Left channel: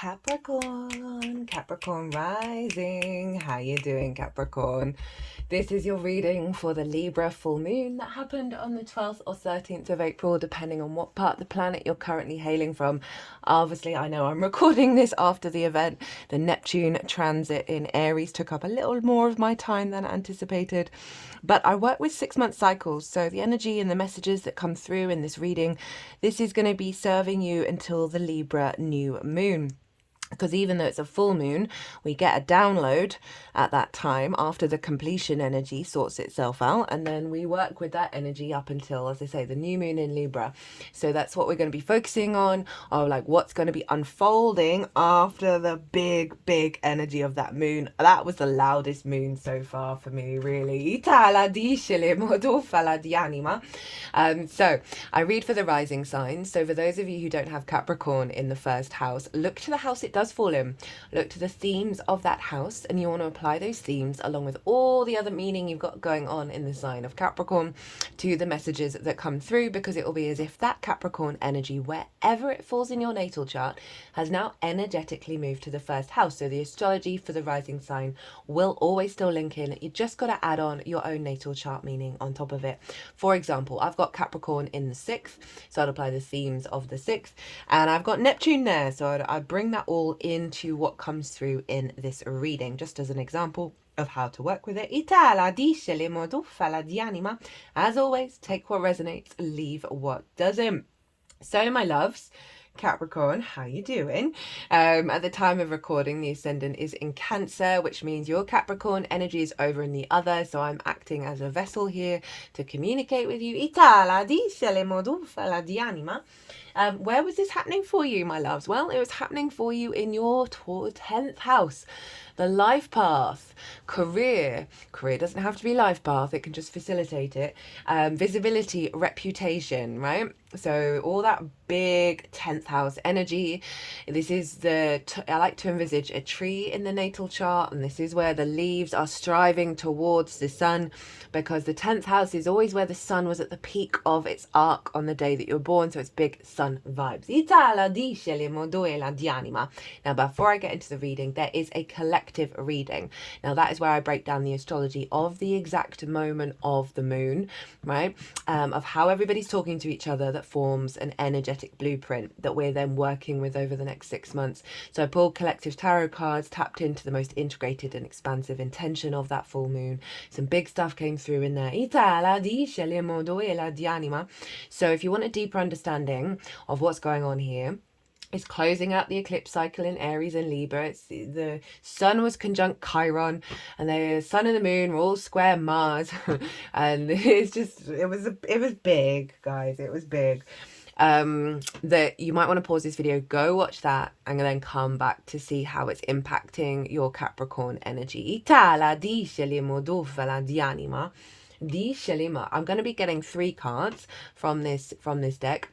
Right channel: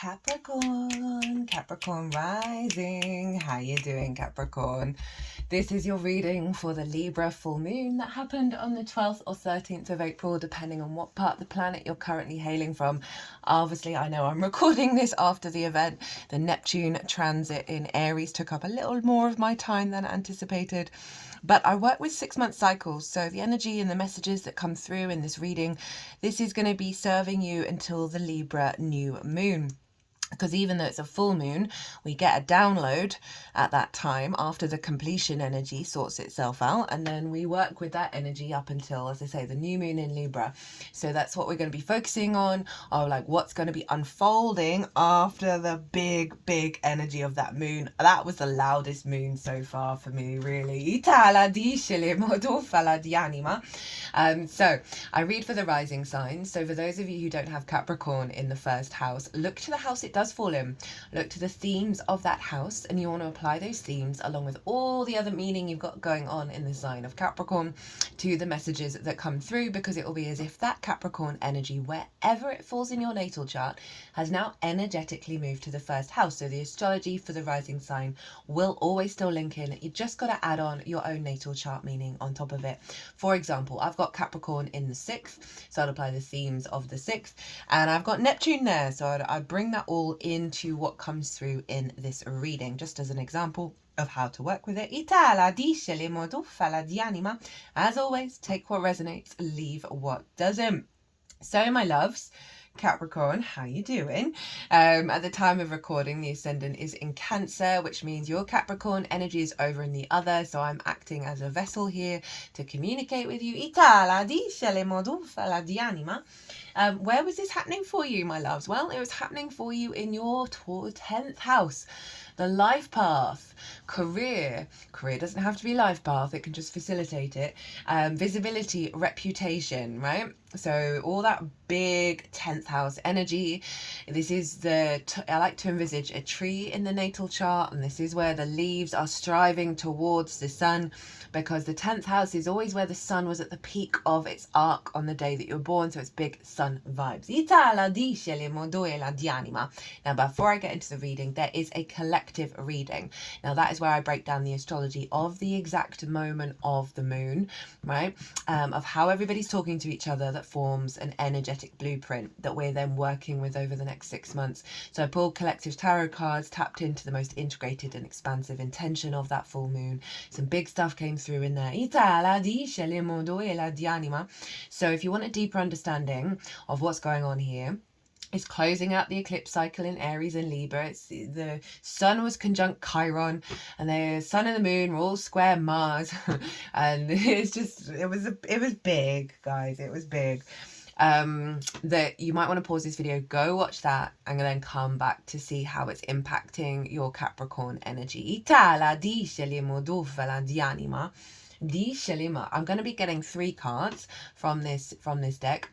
Capricorn, Capricorn rising. How you doing, Capricorn? This is your reading for the Libra full moon that happened on the 12th or 13th of April, depending on what part of the planet you're currently hailing from. Obviously, I know I'm recording this after the event. The Neptune transit in Aries took up a little more of my time than anticipated. But I work with 6-month cycles, so the energy and the messages that come through in this reading, this is going to be serving you until the Libra new moon. Because even though it's a full moon, we get a download at that time after the completion energy sorts itself out. And then we work with that energy up until, as I say, the new moon in Libra. So that's what we're going to be focusing on, or like what's going to be unfolding after the big energy of that moon. That was the loudest moon so far for me, really. So I read for the rising signs. So for those of you who don't have Capricorn in the first house, look to the house it does fall in. Look to the themes of that house, and you want to apply those themes along with all the other meaning you've got going on in the sign of Capricorn to the messages that come through, because it will be as if that Capricorn energy, wherever it falls in your natal chart, has now energetically moved to the first house. So the astrology for the rising sign will always still link in. You just got to add on your own natal chart meaning on top of it. For example, I've got Capricorn in the 6th, so I'd apply the themes of the 6th, and I've got Neptune there, so I'd bring that all into what comes through in this reading, just as an example of how to work with it. As always, take what resonates, leave what doesn't. So my loves, Capricorn, how you doing? At the time of recording, the ascendant is in Cancer, which means your Capricorn energy is over in the other, so I'm acting as a vessel here to communicate with you. Where was this happening for you, my loves? Well, it was happening for you in your 10th house. The life path, career doesn't have to be life path, it can just facilitate it. Visibility, reputation, right? So all that big 10th house energy. This is I like to envisage a tree in the natal chart, and this is where the leaves are striving towards the sun, because the 10th house is always where the sun was at the peak of its arc on the day that you were born, so it's big sun vibes. Now, before I get into the reading, there is a collective reading. Now, that is where I break down the astrology of the exact moment of the moon, right? Of how everybody's talking to each other, that forms an energetic blueprint that we're then working with over the next 6 months. So I pulled collective tarot cards, tapped into the most integrated and expansive intention of that full moon. Some big stuff came through in there. So if you want a deeper understanding of what's going on here, it's closing out the eclipse cycle in Aries and Libra. The sun was conjunct Chiron, and the sun and the moon were all square Mars, and it was big, guys. It was big. That you might want to pause this video, go watch that, and then come back to see how it's impacting your Capricorn energy. I'm going to be getting 3 cards from this deck,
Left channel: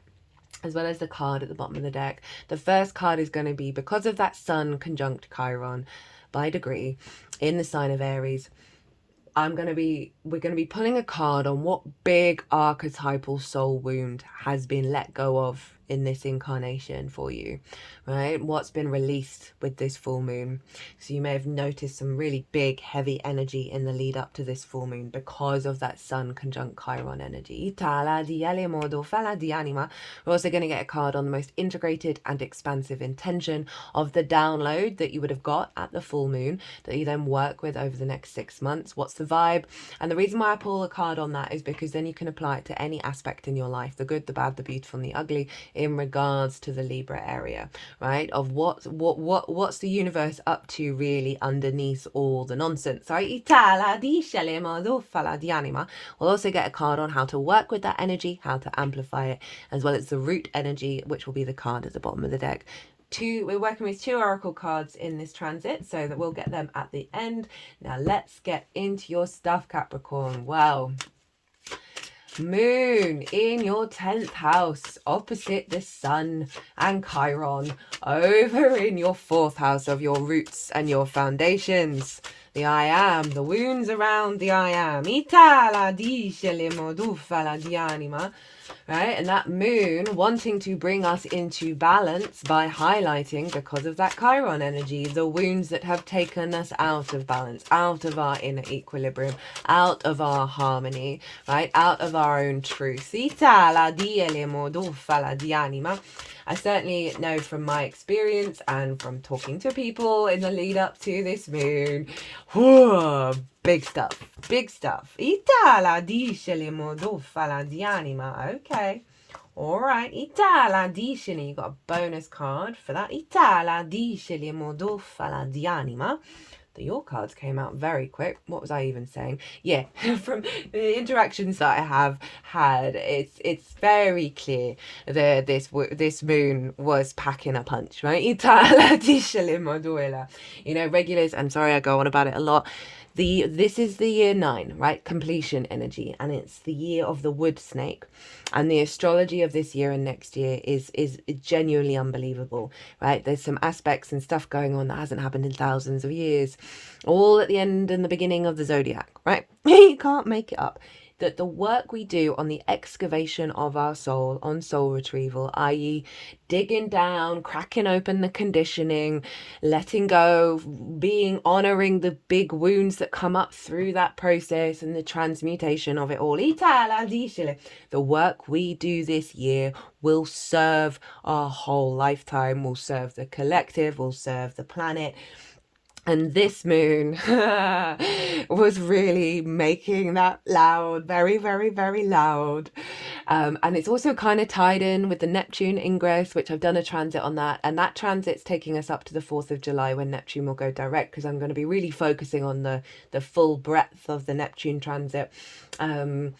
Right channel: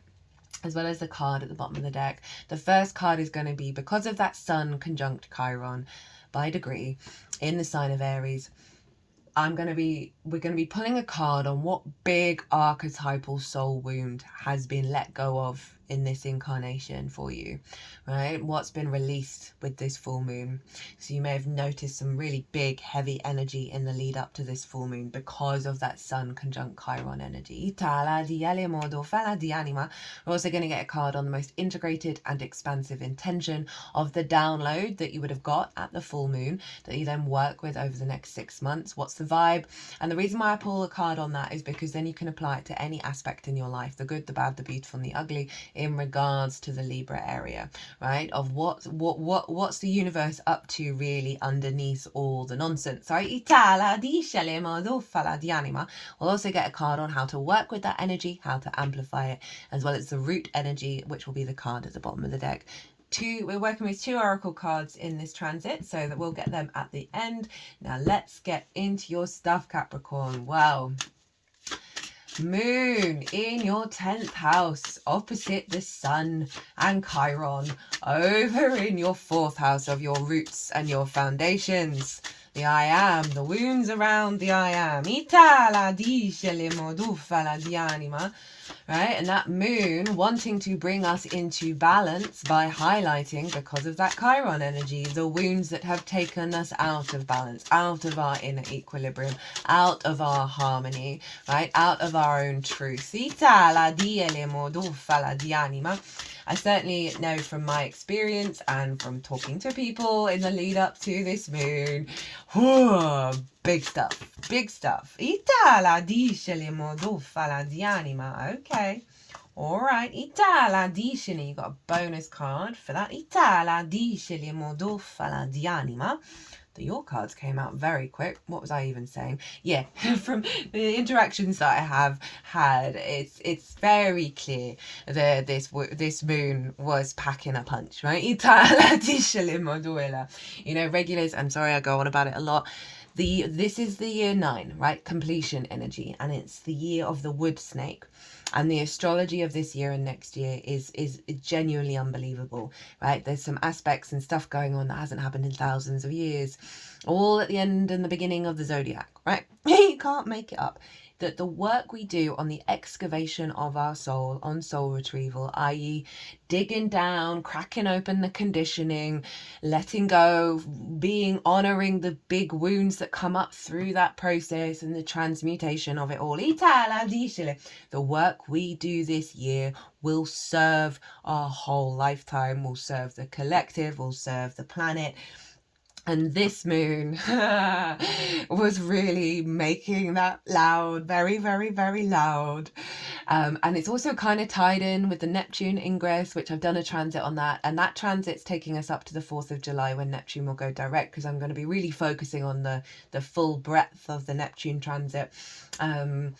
as well as the card at the bottom of the deck. The first card is going to be, because of that sun conjunct Chiron by degree in the sign of Aries, we're going to be pulling a card on what big archetypal soul wound has been let go of in this incarnation for you, right? What's been released with this full moon. So you may have noticed some really big, heavy energy in the lead up to this full moon because of that sun conjunct Chiron energy. We're also going to get a card on the most integrated and expansive intention of the download that you would have got at the full moon that you then work with over the next 6 months. What's the vibe? And the reason why I pull a card on that is because then you can apply it to any aspect in your life, the good, the bad, the beautiful, and the ugly, in regards to the Libra area, right? Of what's the universe up to really underneath all the nonsense. Sorry. We'll also get a card on how to work with that energy, how to amplify it, as well as the root energy, which will be the card at the bottom of the deck. We're working with 2 oracle cards in this transit, so that we'll get them at the end. Now let's get into your stuff, Capricorn. Wow. Moon in your 10th house, opposite the sun and Chiron, over in your 4th house of your roots and your foundations. The I am, the wounds around the I am. right? And that moon wanting to bring us into balance by highlighting, because of that Chiron energy, the wounds that have taken us out of balance, out of our inner equilibrium, out of our harmony, right? Out of our own truth. I certainly know from my experience and from talking to people in the lead up to this moon, whoa, big stuff, big stuff. Okay, all right. You got a bonus card for that. Your cards came out very quick. What was I even saying? Yeah, from the interactions that I have had, it's very clear that this moon was packing a punch, right? You know, regulars, I'm sorry I go on about it a lot. This is the year 9, right? Completion energy, and it's the year of the wood snake. And the astrology of this year and next year is genuinely unbelievable, right? There's some aspects and stuff going on that hasn't happened in thousands of years, all at the end and the beginning of the zodiac, right? You can't make it up. That the work we do on the excavation of our soul, on soul retrieval, i.e. digging down, cracking open the conditioning, letting go, honouring the big wounds that come up through that process and the transmutation of it all. The work we do this year will serve our whole lifetime, will serve the collective, will serve the planet. And this moon was really making that loud, very, very, very loud. And it's also kind of tied in with the Neptune ingress, which I've done a transit on that. And that transit's taking us up to the 4th of July when Neptune will go direct, because I'm going to be really focusing on the full breadth of the Neptune transit. The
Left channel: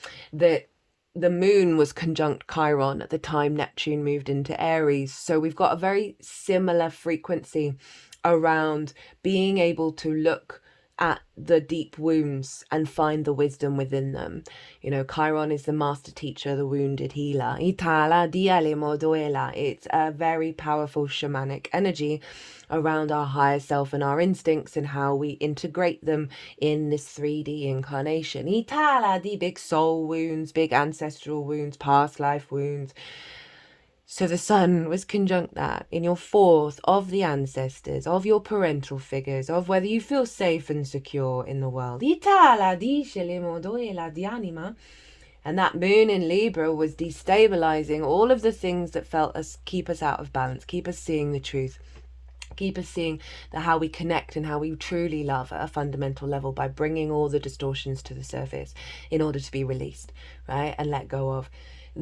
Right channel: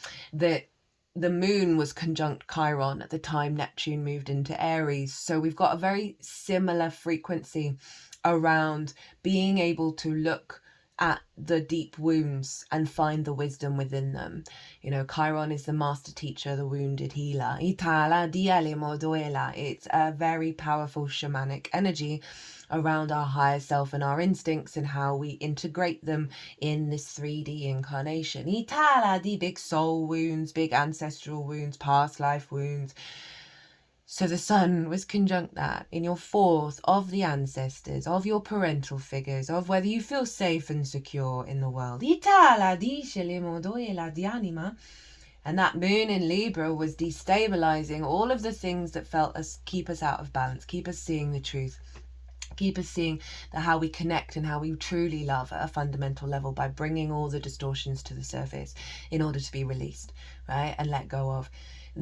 moon was conjunct Chiron at the time Neptune moved into Aries. So we've got a very similar frequency around being able to look at the deep wounds and find the wisdom within them. You know, Chiron is the master teacher, the wounded healer. It's a very powerful shamanic energy around our higher self and our instincts and how we integrate them in this 3D incarnation. The big soul wounds, big ancestral wounds, past life wounds. So the sun was conjunct that in your 4th of the ancestors, of your parental figures, of whether you feel safe and secure in the world. And that moon in Libra was destabilizing all of the things that keep us out of balance, keep us seeing the truth, keep us seeing how we connect and how we truly love at a fundamental level by bringing all the distortions to the surface in order to be released, right, and let go of.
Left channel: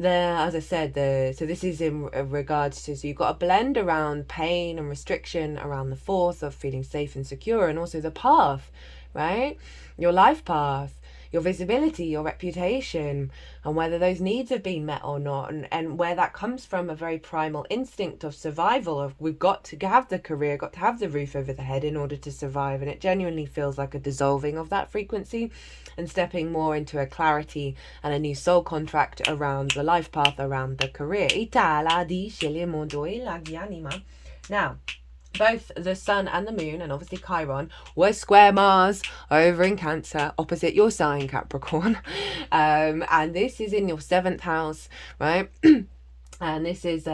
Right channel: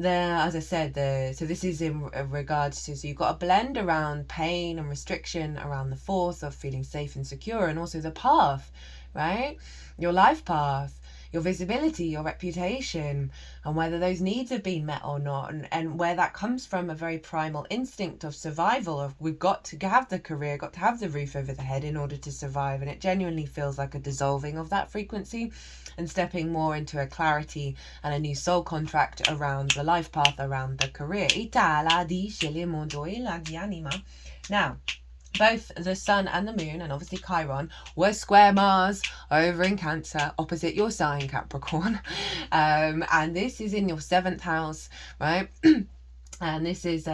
As I said, so this is in regards to, so you've got a blend around pain and restriction around the 4th of feeling safe and secure, and also the path, right? Your life path, your visibility, your reputation, and whether those needs have been met or not, and where that comes from, a very primal instinct of survival, of we've got to have the career, got to have the roof over the head in order to survive. And it genuinely feels like a dissolving of that frequency and stepping more into a clarity and a new soul contract around the life path, around the career. Now, both the sun and the moon, and obviously Chiron, were square Mars over in Cancer, opposite your sign, Capricorn. And this is in your 7th house, right? And this is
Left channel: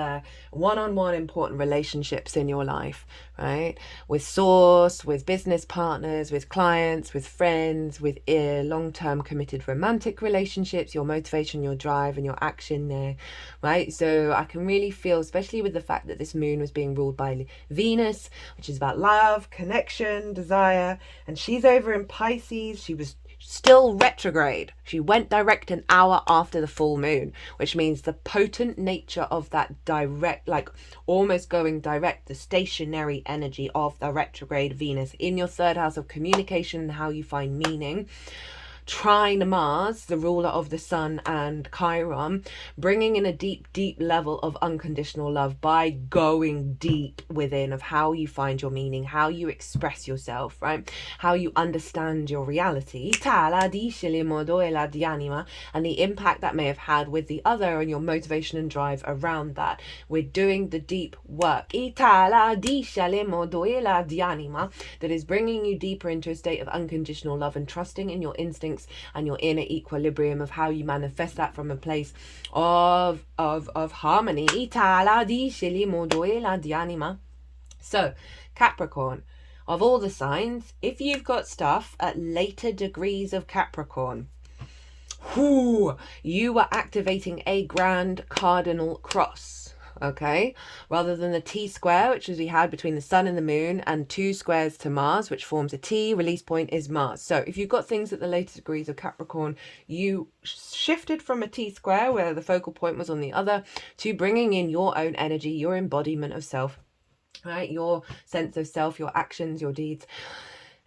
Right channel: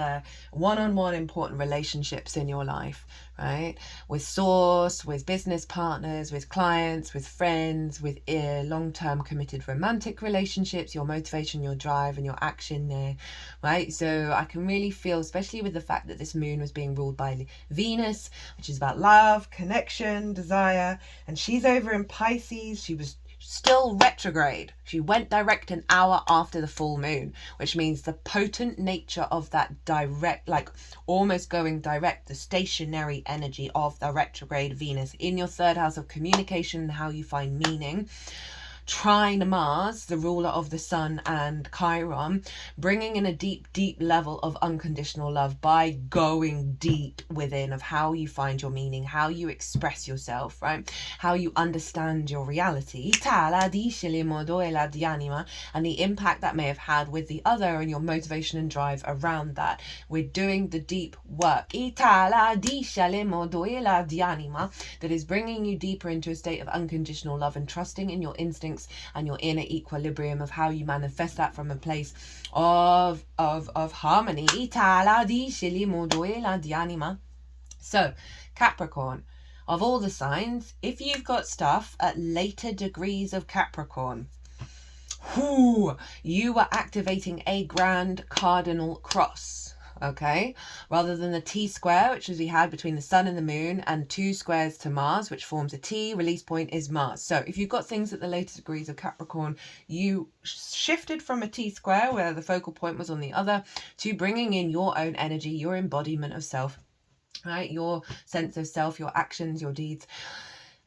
one-on-one important relationships in your life, right? With source, with business partners, with clients, with friends, with long-term committed romantic relationships, your motivation, your drive, and your action there, right? So I can really feel, especially with the fact that this moon was being ruled by Venus, which is about love, connection, desire, and she's over in Pisces. She was still retrograde. She went direct an hour after the full moon, which means the potent nature of that direct, like almost going direct, the stationary energy of the retrograde Venus in your 3rd house of communication and how you find meaning, trine Mars, the ruler of the sun and Chiron, bringing in a deep, deep level of unconditional love by going deep within of how you find your meaning, how you express yourself, right? How you understand your reality, and the impact that may have had with the other and your motivation and drive around that. We're doing the deep work that is bringing you deeper into a state of unconditional love and trusting in your instinct instincts and your inner equilibrium of how you manifest that from a place of harmony. So, Capricorn, of all the signs, if you've got stuff at later degrees of Capricorn, you are activating a grand cardinal cross, okay? Rather than the T-square, which is we had between the sun and the moon, and 2 squares to Mars, which forms a T, release point is Mars. So if you've got things at the later degrees of Capricorn, you shifted from a T-square, where the focal point was on the other, to bringing in your own energy, your embodiment of self, right? Your sense of self, your actions, your deeds,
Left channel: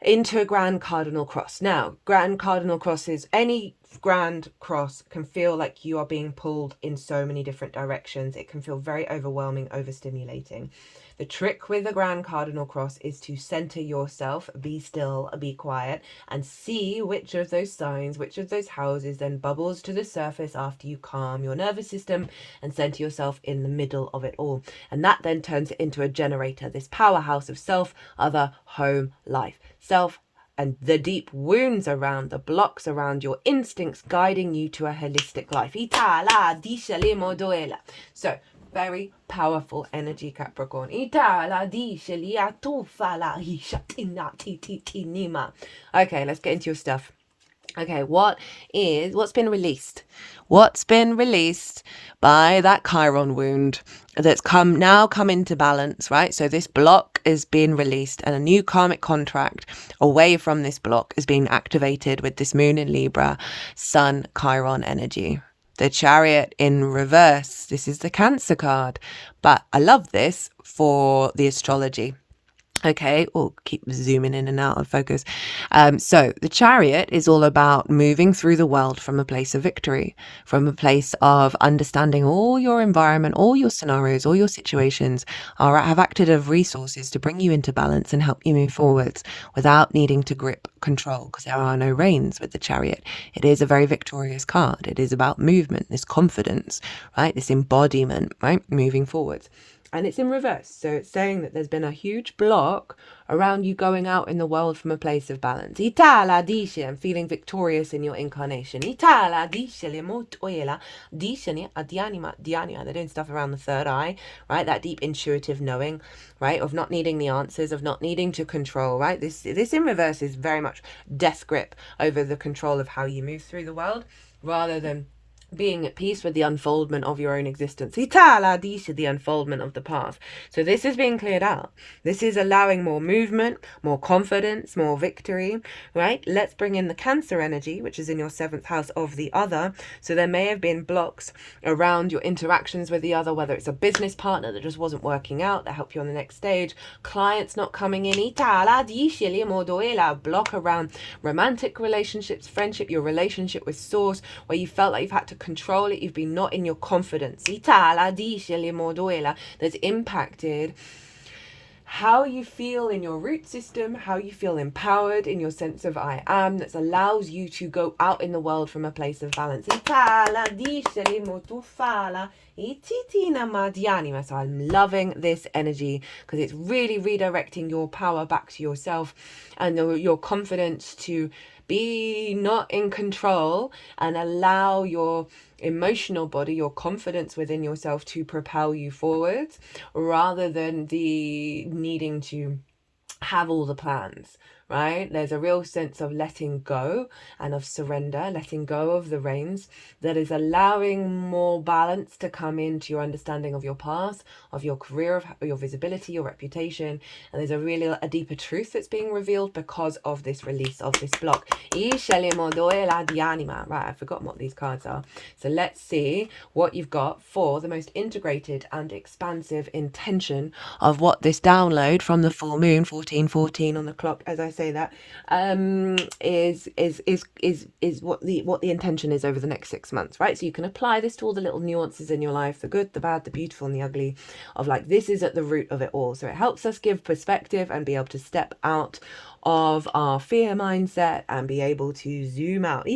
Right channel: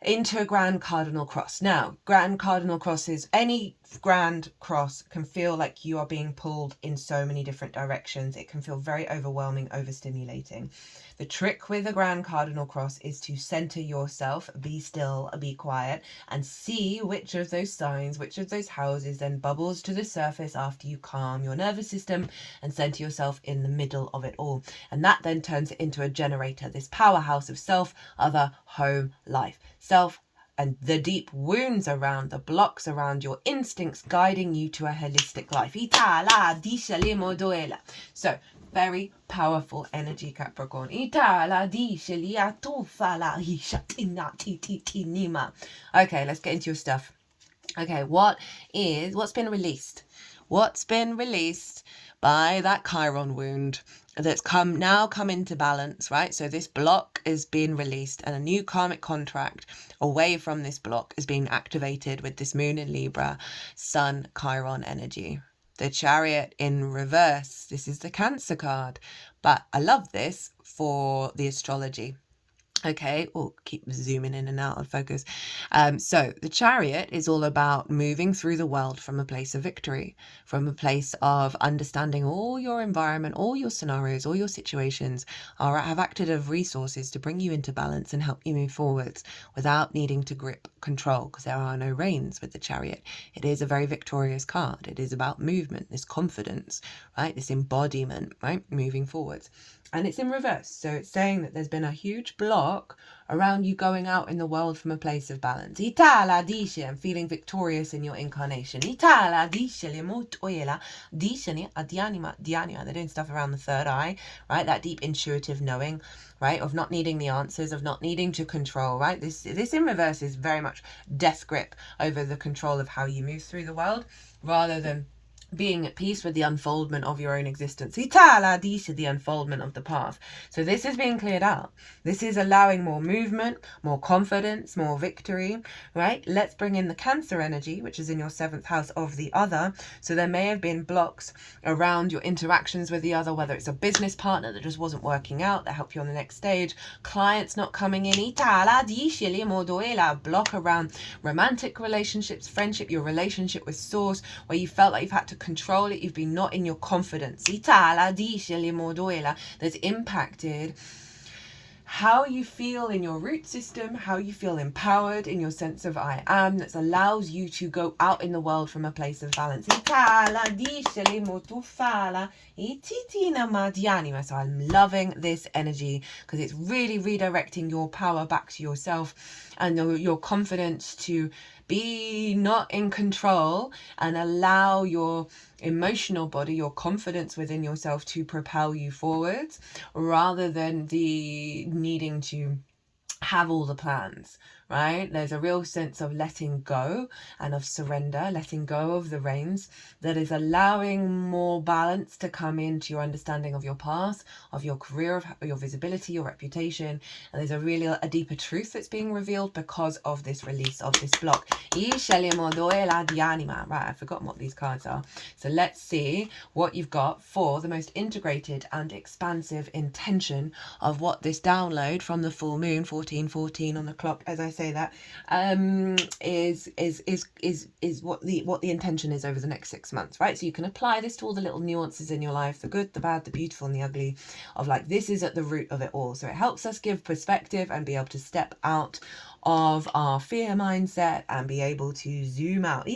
into a grand cardinal cross. Now, grand cardinal crosses, any grand cross can feel like you are being pulled in so many different directions. It can feel very overwhelming, overstimulating. The trick with a grand cardinal cross is to center yourself, be still, be quiet, and see which of those signs, which of those houses then bubbles to the surface after you calm your nervous system and center yourself in the middle of it all. And that then turns it into a generator, this powerhouse of self, other, home, life. Self, and the deep wounds around, the blocks around your instincts guiding you to a holistic life. So, very powerful energy, Capricorn. Okay, let's get into your stuff. Okay, what's been released? What's been released by that Chiron wound that's come into balance, right? So this block is being released and a new karmic contract away from this block is being activated with this moon in Libra, sun, Chiron energy. The Chariot in reverse. This is the Cancer card, but I love this for the astrology. Okay, keep zooming in and out of focus. So the Chariot is all about moving through the world from a place of victory, from a place of understanding all your environment, all your scenarios, all your situations have acted as resources to bring you into balance and help you move forwards without needing to grip control, because there are no reins with the Chariot. It is a very victorious card. It is about movement, this confidence, right? This embodiment, right? Moving forwards. And it's in reverse. So it's saying that there's been a huge block around you going out in the world from a place of balance. And feeling victorious in your incarnation. They're doing stuff around the third eye, right? That deep intuitive knowing, right? Of not needing the answers, of not needing to control, right? This in reverse is very much death grip over the control of how you move through the world, rather than being at peace with the unfoldment of your own existence. The unfoldment of the path. So this is being cleared out. This is allowing more movement, more confidence, more victory, right? Let's bring in the Cancer energy, which is in your 7th house of the other. So there may have been blocks around your interactions with the other, whether it's a business partner that just wasn't working out, that helped you on the next stage, clients not coming in, block around romantic relationships, friendship, your relationship with source, where you felt like you've had to control it, you've been not in your confidence. That's impacted how you feel in your root system, how you feel empowered in your sense of I am, that allows you to go out in the world from a place of balance. So I'm loving this energy because it's really redirecting your power back to yourself and your confidence to be not in control and allow your emotional body, your confidence within yourself to propel you forwards, rather than the needing to have all the plans, right? There's a real sense of letting go and of surrender, letting go of the reins, that is allowing more balance to come into your understanding of your path, of your career, of your visibility, your reputation. And there's a deeper truth that's being revealed because of this release of this block. Right, I've forgotten what these cards are. So let's see what you've got for the most integrated and expansive intention of what this download from the full moon, 14:14 on the clock, as I say that, is what the intention is over the next 6 months, right? So you can apply this to all the little nuances in your life, the good, the bad, the beautiful, and the ugly, of like, this is at the root of it all. So it helps us give perspective and be able to step out of our fear mindset and be able to zoom out.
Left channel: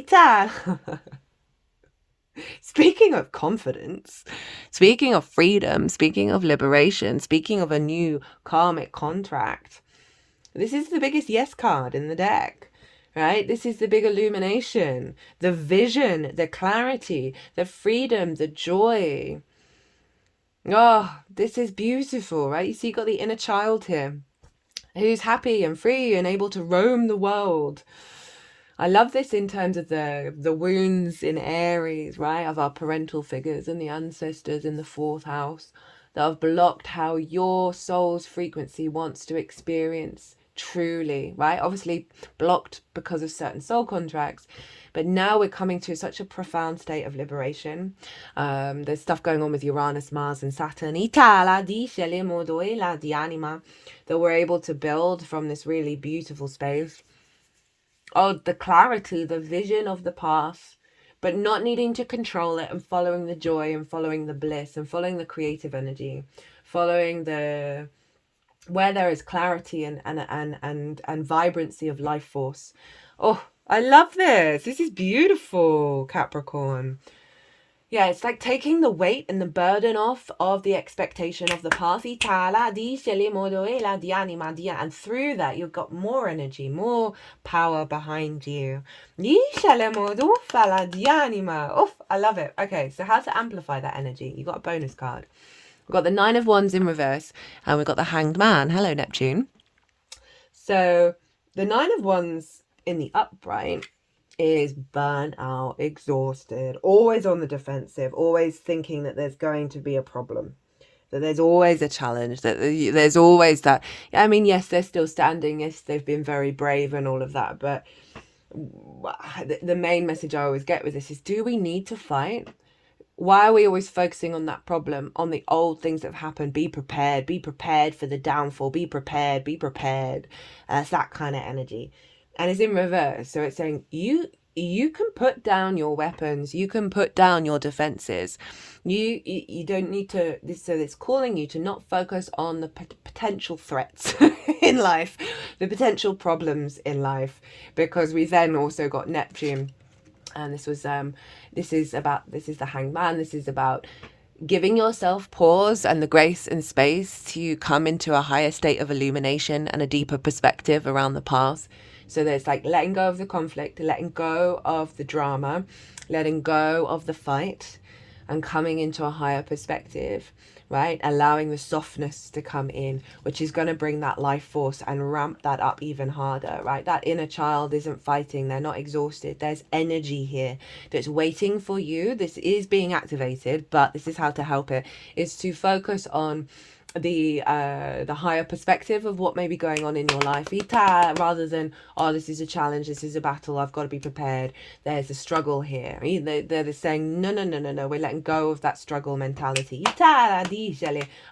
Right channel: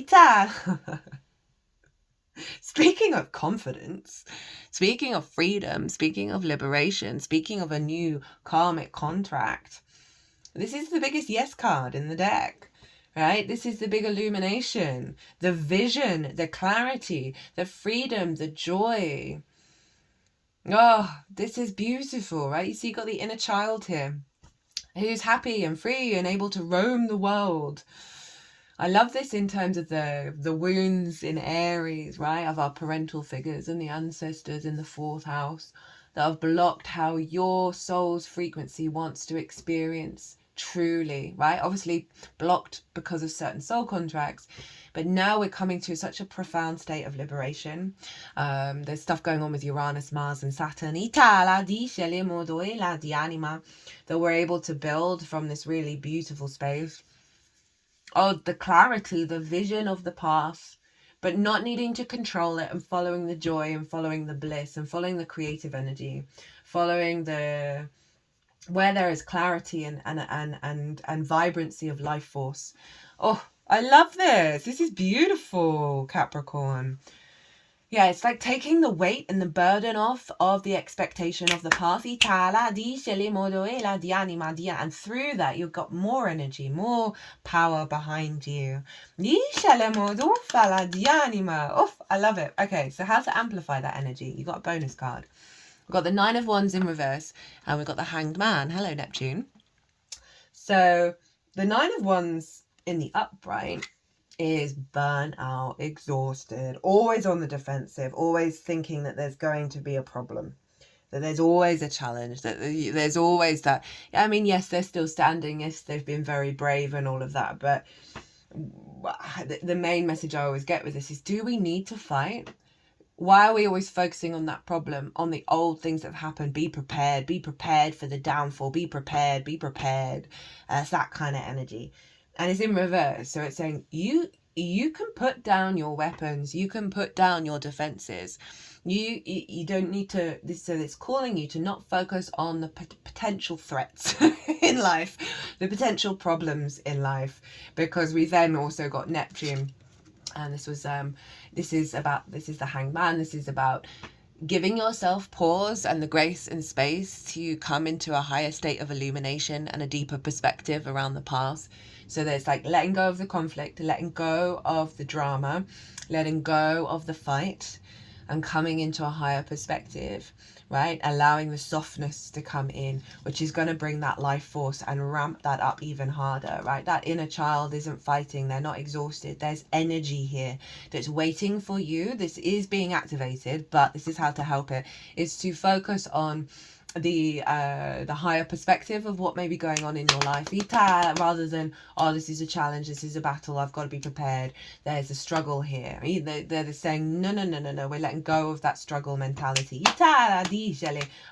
Speaking of confidence, speaking of freedom, speaking of liberation, speaking of a new karmic contract, this is the biggest yes card in the deck, right? This is the big illumination, the vision, the clarity, the freedom, the joy. Oh, this is beautiful, right? You see, you got the inner child here who's happy and free and able to roam the world. I love this in terms of the wounds in Aries, right? Of our parental figures and the ancestors in the 4th house that have blocked how your soul's frequency wants to experience truly, right? Obviously blocked because of certain soul contracts, but now we're coming to such a profound state of liberation. There's stuff going on with Uranus, Mars, and Saturn. That we're able to build from this really beautiful space. Oh, the clarity, the vision of the path, but not needing to control it, and following the joy and following the bliss and following the creative energy, following the where there is clarity and vibrancy of life force. Oh, I love this. This is beautiful, Capricorn. Yeah, it's like taking the weight and the burden off of the expectation of the path. And through that, you've got more energy, more power behind you. Oh, I love it. Okay, so how to amplify that energy? You got a bonus card. We've got the 9 of Wands in reverse, and we've got the Hanged Man. Hello, Neptune. So the 9 of Wands in the upright is burnt out, exhausted, always on the defensive, always thinking that there's going to be a problem, that there's always a challenge, that there's always that. I mean, yes, they're still standing, yes, they've been very brave and all of that, but the main message I always get with this is, do we need to fight? Why are we always focusing on that problem, on the old things that have happened? Be prepared for the downfall, be prepared. It's that kind of energy. And it's in reverse. So it's saying you can put down your weapons, you can put down your defenses. You don't need to. So it's calling you to not focus on the potential threats in life, the potential problems in life, because we then also got Neptune. And this is the Hanged Man. This is about giving yourself pause and the grace and space to come into a higher state of illumination and a deeper perspective around the past. So there's like letting go of the conflict, letting go of the drama, letting go of the fight, and coming into a higher perspective, right? Allowing the softness to come in, which is going to bring that life force and ramp that up even harder, right? That inner child isn't fighting. They're not exhausted. There's energy here that's waiting for you. This is being activated, but this is how to help it, is to focus on the higher perspective of what may be going on in your life, rather than, oh, this is a challenge, this is a battle, I've got to be prepared, there's a struggle here. They're saying no, we're letting go of that struggle mentality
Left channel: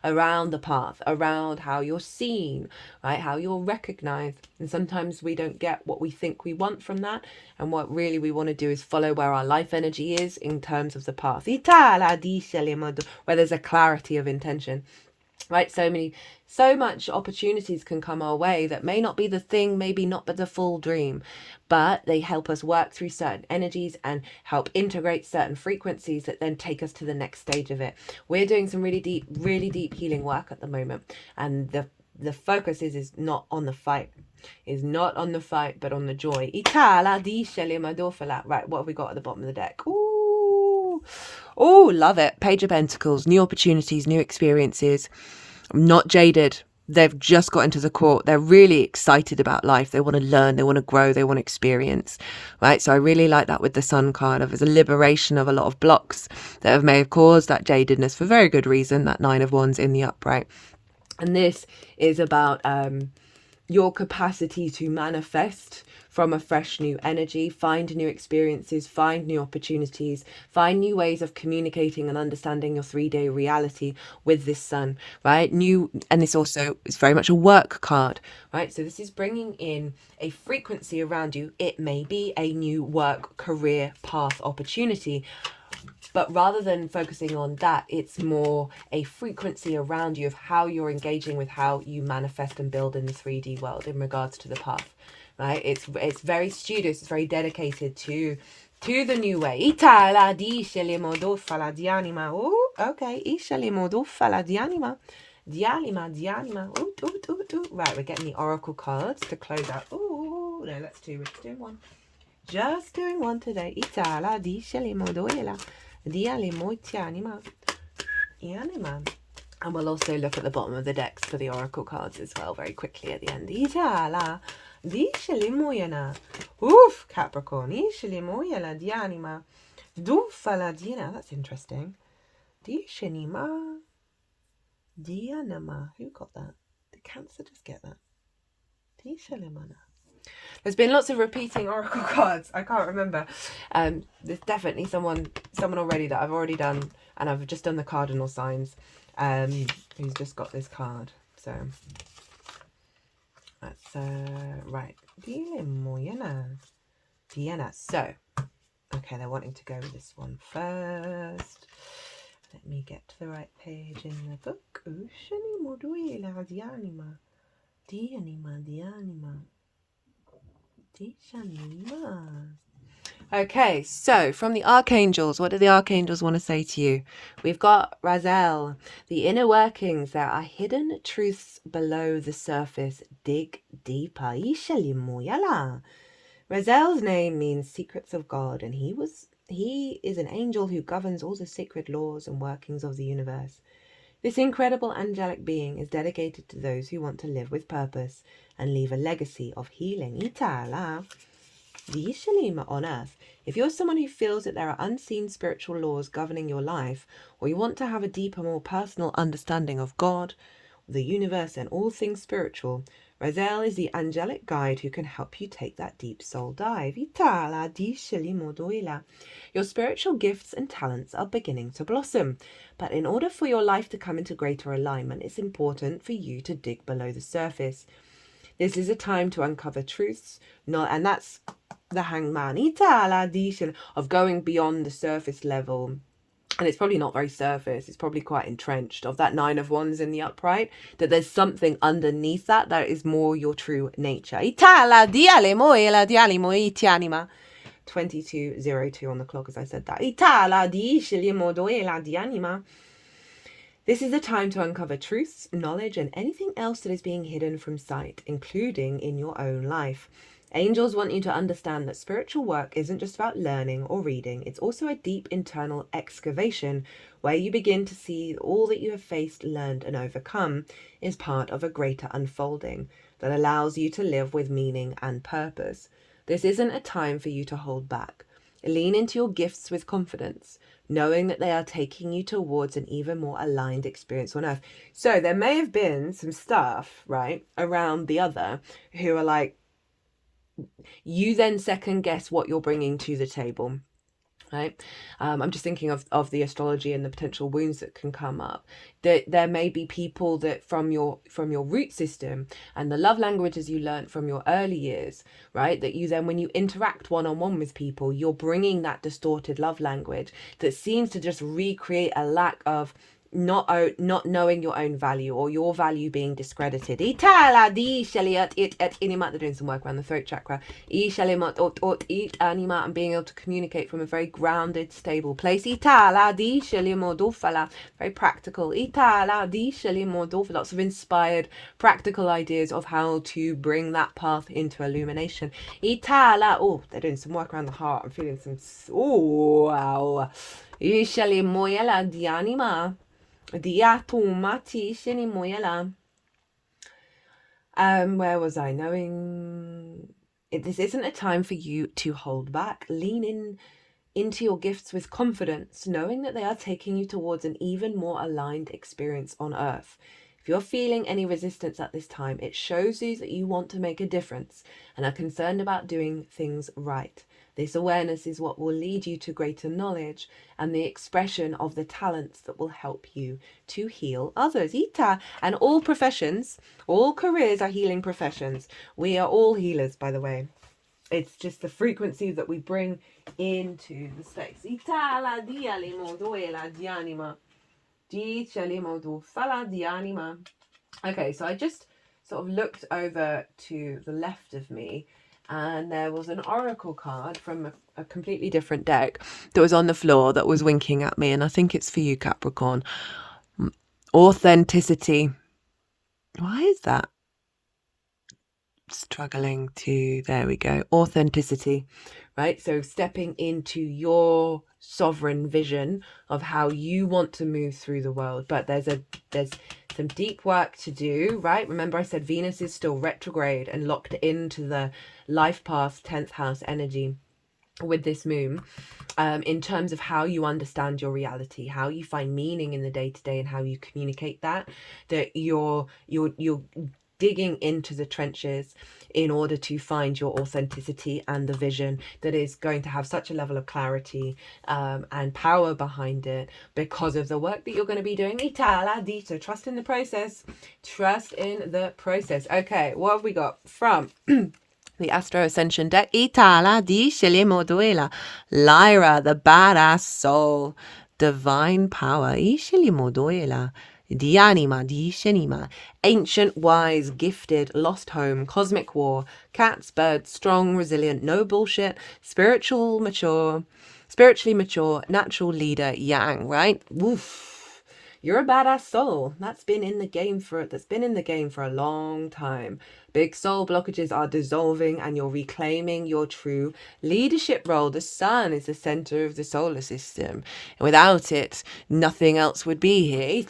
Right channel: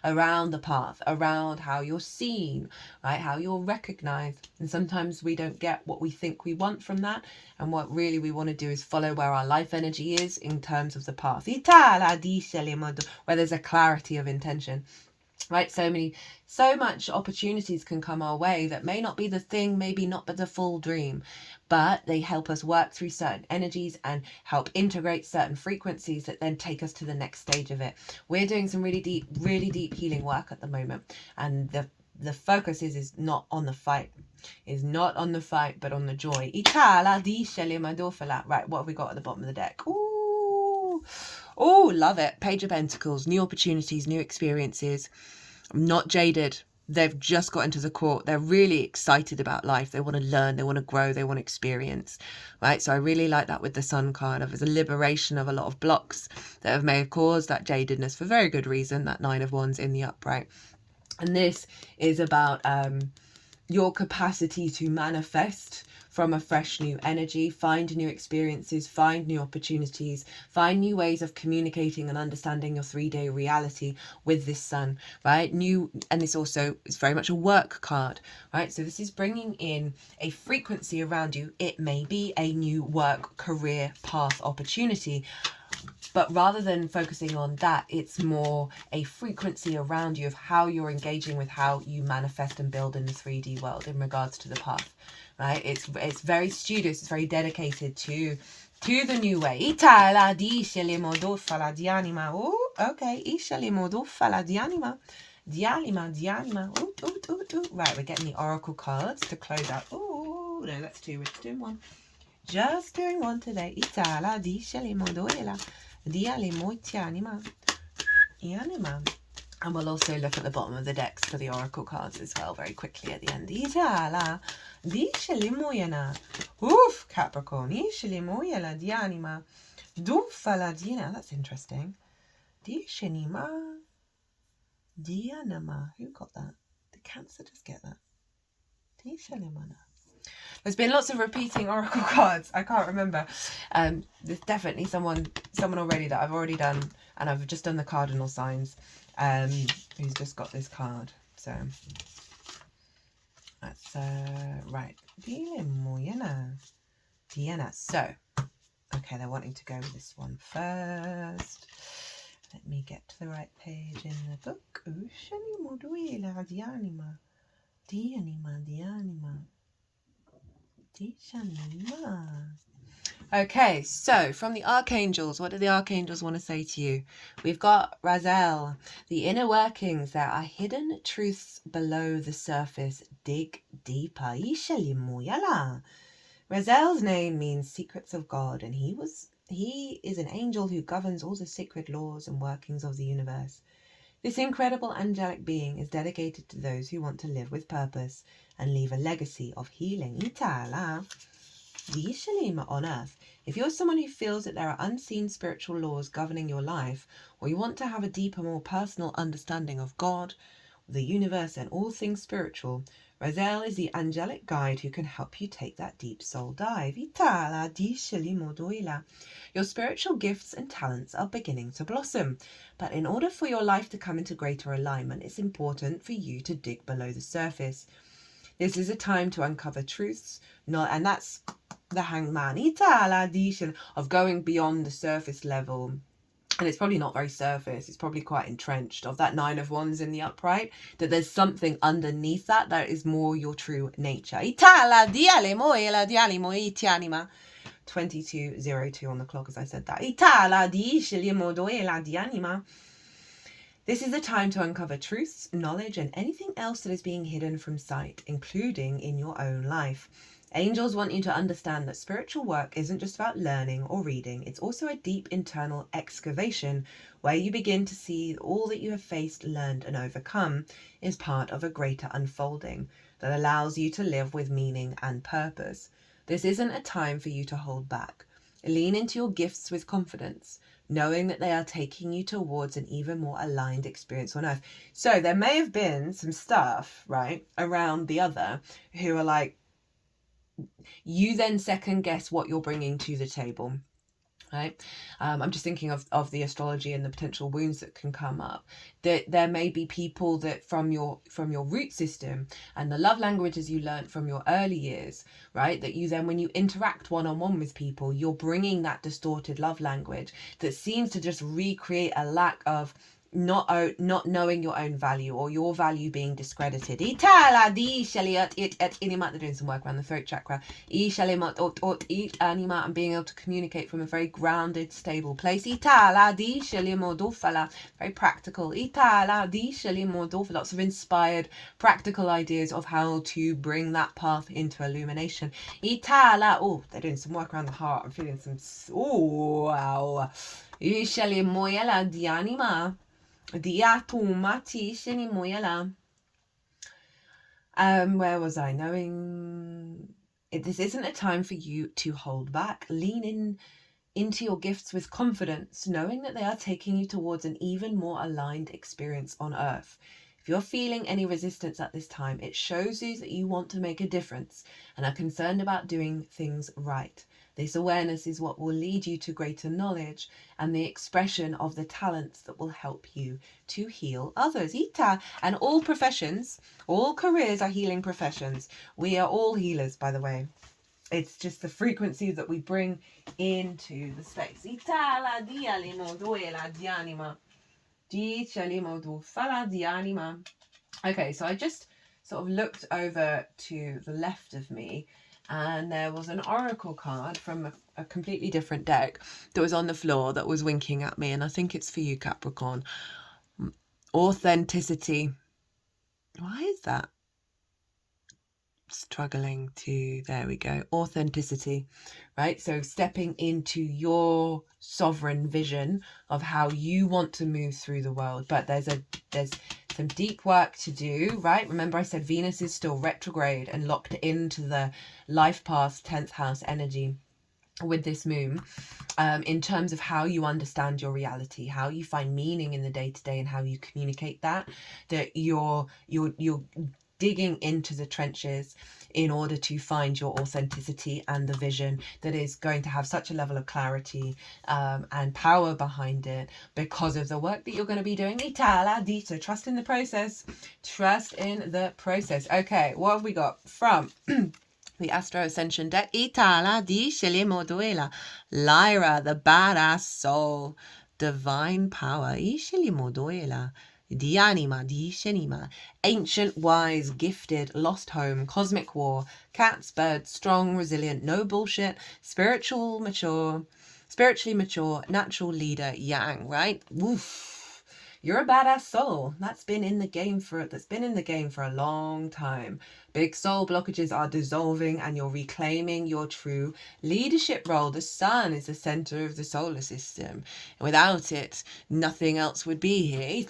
around the path, around how you're seen, right, how you're recognized. And sometimes we don't get what we think we want from that, and what really we want to do is follow where our life energy is in terms of the path, where there's a clarity of intention. Right, so much opportunities can come our way that may not be the thing, maybe not but the full dream, but they help us work through certain energies and help integrate certain frequencies that then take us to the next stage of it. We're doing some really deep healing work at the moment, and the focus is not on the fight, but on the joy. Right, what have we got at the bottom of the deck? Oh, love it. Page of Pentacles, new opportunities, new experiences. Not jaded. They've just got into the court. They're really excited about life. They want to learn, they want to grow, they want to experience, right? So I really like that with the Sun card, of as a liberation of a lot of blocks that may have caused that jadedness for very good reason, that 9 of Wands in the upright. And this is about your capacity to manifest from a fresh new energy, find new experiences, find new opportunities, find new ways of communicating and understanding your 3D reality with this Sun, right? And this also is very much a work card, right? So this is bringing in a frequency around you. It may be a new work, career, path, opportunity, but rather than focusing on that, it's more a frequency around you of how you're engaging with how you manifest and build in the 3D world in regards to the path, right? It's very studious, it's very dedicated to the new way. Oh, okay. Right, we're getting the oracle cards to close out. Ooh. Oh, no, that's two. We're just doing one. Just doing one today. Itala di shalimodoela. Diale moitianima. Ianima. And we'll also look at the bottom of the decks for the oracle cards as well very quickly at the end. Itala di shalimoyana. Oof, Capricorn. Ishalimoyala dianima. Dufala dina. That's interesting. Di shanima. Dianama. Who got that? Did Cancer just get that? Di shalimana. There's been lots of repeating oracle cards. I can't remember. There's definitely someone already that I've already done, and I've just done the cardinal signs. Who's just got this card. So that's right. Diana. So okay, they're wanting to go with this one first. Let me get to the right page in the book. Okay, so from the Archangels, what do the Archangels want to say to you? We've got Razel. The inner workings, there are hidden truths below the surface. Dig deeper. Razel's name means secrets of God, and he is an angel who governs all the sacred laws and workings of the universe. This incredible angelic being is dedicated to those who want to live with purpose and leave a legacy of healing. On earth. If you're someone who feels that there are unseen spiritual laws governing your life, or you want to have a deeper, more personal understanding of God, the universe, and all things spiritual, Razel is the angelic guide who can help you take that deep soul dive. Your spiritual gifts and talents are beginning to blossom, but in order for your life to come into greater alignment, it's important for you to dig below the surface. This is a time to uncover truths, and that's the Hangman, of going beyond the surface level. And it's probably not very surface, it's probably quite entrenched, of that Nine of Wands in the upright, that there's something underneath that is more your true nature. 22:02 on the clock as I said that. This is a time to uncover truths, knowledge, and anything else that is being hidden from sight, including in your own life. Angels want you to understand that spiritual work isn't just about learning or reading. It's also a deep internal excavation where you begin to see all that you have faced, learned, and overcome is part of a greater unfolding that allows you to live with meaning and purpose. This isn't a time for you to hold back. Lean into your gifts with confidence, knowing that they are taking you towards an even more aligned experience on earth. So there may have been some stuff, right, around the other who are like, you then second guess what you're bringing to the table, right? I'm just thinking of the astrology and the potential wounds that can come up. That there may be people that from your root system and the love languages you learned from your early years, right? That you then, when you interact one-on-one with people, you're bringing that distorted love language that seems to just recreate a lack of not knowing your own value, or your value being discredited. They're doing some work around the throat chakra, and being able to communicate from a very grounded, stable place. Very practical. Lots of inspired practical ideas of how to bring that path into illumination. Oh, they're doing some work around the heart. I'm feeling some, oh wow. Where was I? Knowing this isn't a time for you to hold back. Lean into your gifts with confidence, knowing that they are taking you towards an even more aligned experience on earth. If you're feeling any resistance at this time, it shows you that you want to make a difference and are concerned about doing things right. This awareness is what will lead you to greater knowledge and the expression of the talents that will help you to heal others. And all professions, all careers are healing professions. We are all healers, by the way. It's just the frequency that we bring into the space. Okay, so I just sort of looked over to the left of me, and there was an oracle card from a completely different deck that was on the floor that was winking at me, and I think it's for you, Capricorn. Authenticity. Why is that? struggling to, there we go, authenticity, right? So stepping into your sovereign vision of how you want to move through the world. But there's some deep work to do, right? Remember I said Venus is still retrograde and locked into the life path 10th house energy with this moon, in terms of how you understand your reality, how you find meaning in the day-to-day, and how you communicate that you're digging into the trenches in order to find your authenticity and the vision that is going to have such a level of clarity and power behind it because of the work that you're going to be doing. So trust in the process. Trust in the process. Okay, what have we got from the Astro Ascension deck? Itala di Shelimoduela. Lyra, the badass soul. Divine power. Ishelimoduela. Dianima, di Shenima. Ancient, wise, gifted, lost home, cosmic war, cats, birds, strong, resilient, no bullshit, spiritually mature, natural leader, yang, right? Woof. You're a badass soul. That's been in the game for a long time. Big soul blockages are dissolving and you're reclaiming your true leadership role. The sun is the center of the solar system. Without it, nothing else would be here. You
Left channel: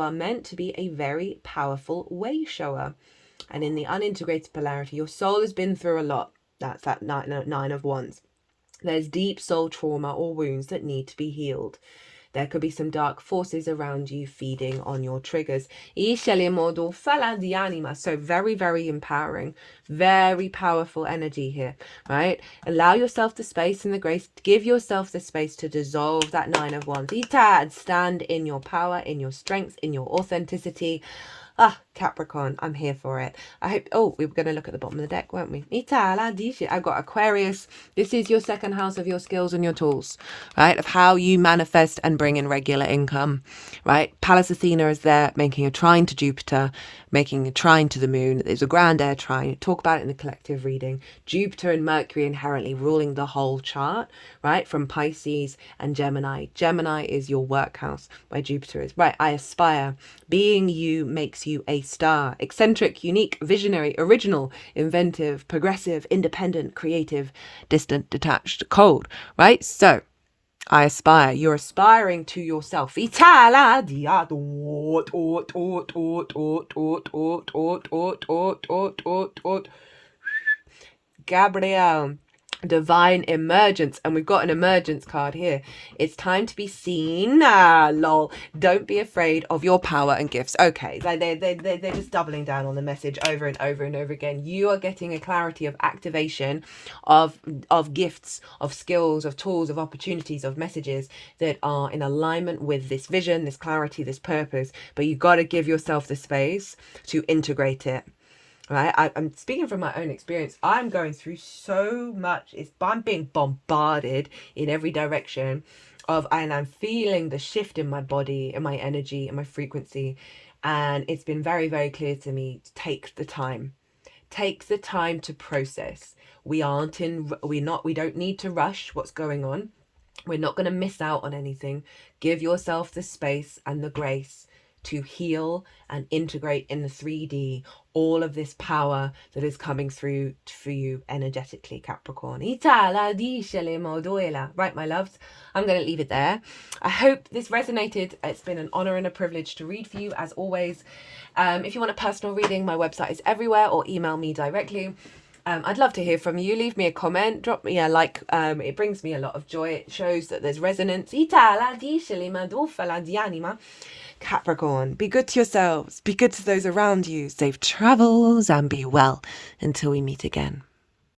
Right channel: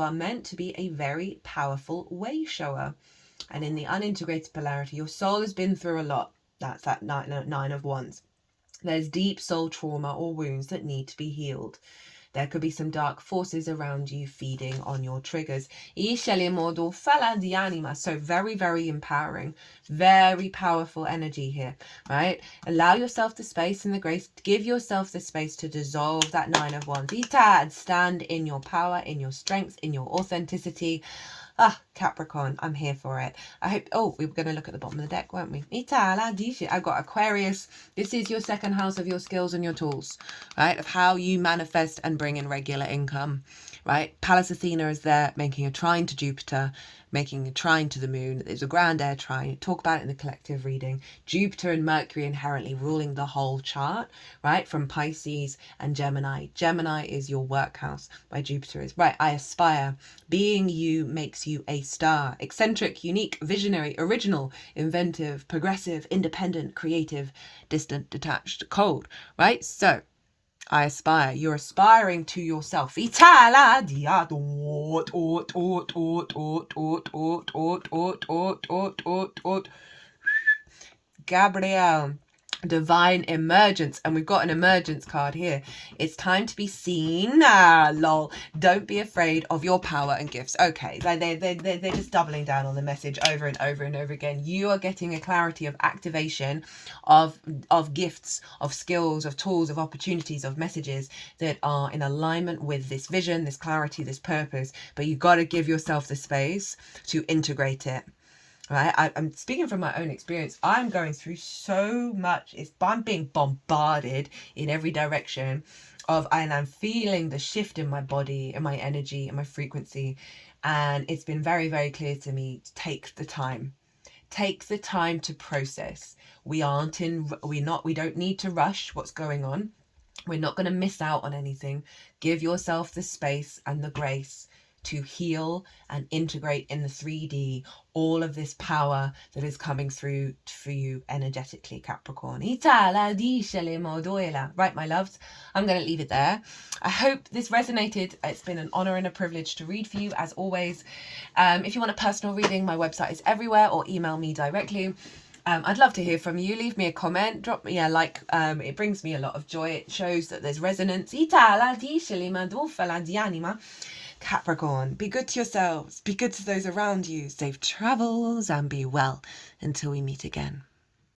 are meant to be a very powerful way shower. And in the unintegrated polarity, your soul has been through a lot. That's that nine of wands. There's deep soul trauma or wounds that need to be healed. There could be some dark forces around you feeding on your triggers. So very, very empowering, very powerful energy here, right? Allow yourself the space and the grace. Give yourself the space to dissolve that nine of wands. Stand in your power, in your strength, in your authenticity. Capricorn, I'm here for it. I hope, we were going to look at the bottom of the deck, weren't we? I got Aquarius. This is your second house of your skills and your tools, right? Of how you manifest and bring in regular income, right? Pallas Athena is there making a trine to Jupiter, making a trine to the moon. There's a grand air trine. Talk about it in the collective reading. Jupiter and Mercury inherently ruling the whole chart, right? From Pisces and Gemini. Gemini is your work house, where Jupiter is. Right, I aspire. Being you makes you a star. Eccentric, unique, visionary, original, inventive, progressive, independent, creative, distant, detached, cold, right? So I aspire. You're aspiring to yourself. Gabrielle. Divine emergence, and we've got an emergence card here. It's time to be seen. Lol. Don't be afraid of your power and gifts. Okay, they're just doubling down on the message over and over and over again. You are getting a clarity of activation of gifts, of skills, of tools, of opportunities, of messages that are in alignment with this vision, this clarity, this purpose. But you've got to give yourself the space to integrate it. Right, I'm speaking from my own experience. I'm going through so much. I'm being bombarded in every direction and I'm feeling the shift in my body, in my energy, in my frequency. And it's been very, very clear to me to take the time to process. We don't need to rush what's going on. We're not going to miss out on anything. Give yourself the space and the grace to heal and integrate in the 3D all of this power that is coming through for you energetically, Capricorn. Right, my loves, I'm going to leave it there. I hope this resonated. It's been an honor and a privilege to read for you, as always. If you want a personal reading, my website is everywhere, or email me directly. I'd love to hear from you. Leave me a comment, drop me a like. It brings me a lot of joy. It shows that there's resonance. Capricorn, be good to yourselves, be good to those around you, safe travels, and be well until we meet again.